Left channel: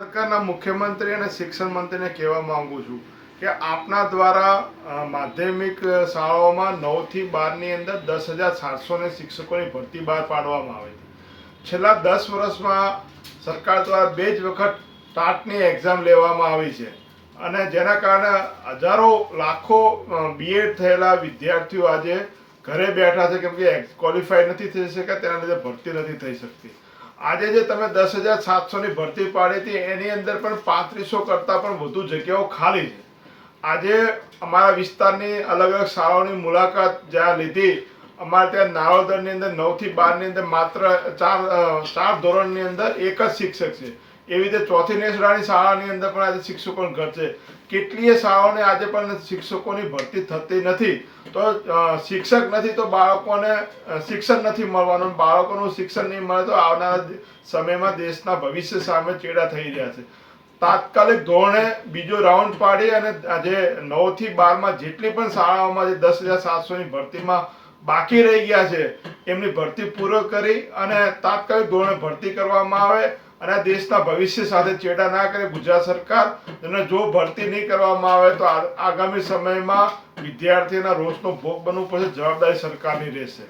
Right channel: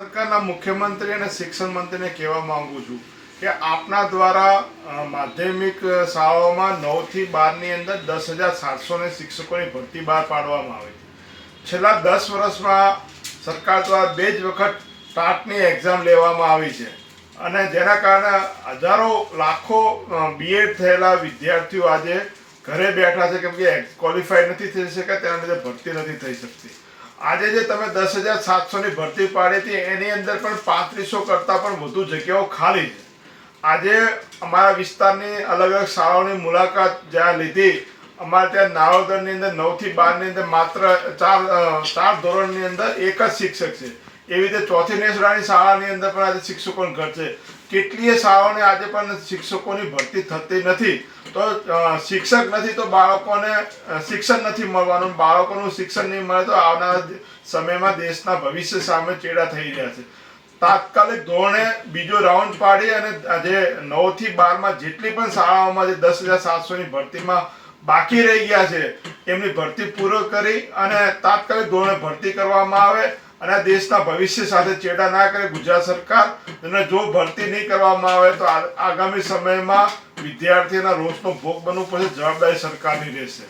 સરકારના મુખ્યમંત્રી અને શિક્ષણ મંત્રીને કહેવા માંગુ છું કે આપના દ્વારા માધ્યમિક શાળાઓમાં 9 થી 12ની અંદર 10,700 શિક્ષકોની ભરતી બહાર પાડવામાં આવી છે। છેલ્લા 10 વર્ષમાં સરકાર દ્વારા 2 જ વખત ટાટની એક્ઝામ લેવામાં આવી છે અને જેના કારણે હજારો લાખો બીએડ થયેલા વિદ્યાર્થીઓ આજે ઘરે બેઠા છે કેમ કે ક્વોલિફાઈડ નથી થઈ શક્યા, તેના લીધે ભરતી નથી થઈ શકતી। આજે જે તમે 10,700ની ભરતી પાડી હતી એની અંદર પણ 3500 કરતાં પણ વધુ જગ્યાઓ ખાલી છે। આજે અમારા વિસ્તારની અલગ અલગ શાળાઓની મુલાકાત જ્યાં લીધી, અમારે ત્યાં નારોદરની અંદર 9 થી 12ની અંદર માત્ર ચાર ધોરણની અંદર એક જ શિક્ષક છે। એવી રીતે ચોથી નેસડાની શાળાની અંદર પણ આજે શિક્ષકોની ઘટ છે। કેટલીય શાળાઓને આજે પણ શિક્ષકોની ભરતી થતી નથી। તો શિક્ષક નથી તો બાળકોને શિક્ષણ નથી મળવાનું, બાળકોનું શિક્ષણ નહીં મળે તો આવનારા સમયમાં દેશના ભવિષ્ય સામે ચેડા થઈ રહ્યા છે। તાત્કાલિક ધોરણે બીજો રાઉન્ડ પાડી અને આજે 9 થી 12માં જેટલી પણ શાળાઓમાં જે 10,700ની ભરતીમાં બાકી રહી ગયા છે એમની ભરતી પૂરો કરી અને તાત્કાલિક ધોરણે ભરતી કરવામાં આવે અને આ દેશના ભવિષ્ય સાથે ચેડા ના કરે ગુજરાત સરકાર। અને જો ભરતી નહીં કરવામાં આવે તો આગામી સમયમાં વિદ્યાર્થીઓના રોષનો ભોગ બનવું પડશે, જવાબદારી સરકારની રહેશે।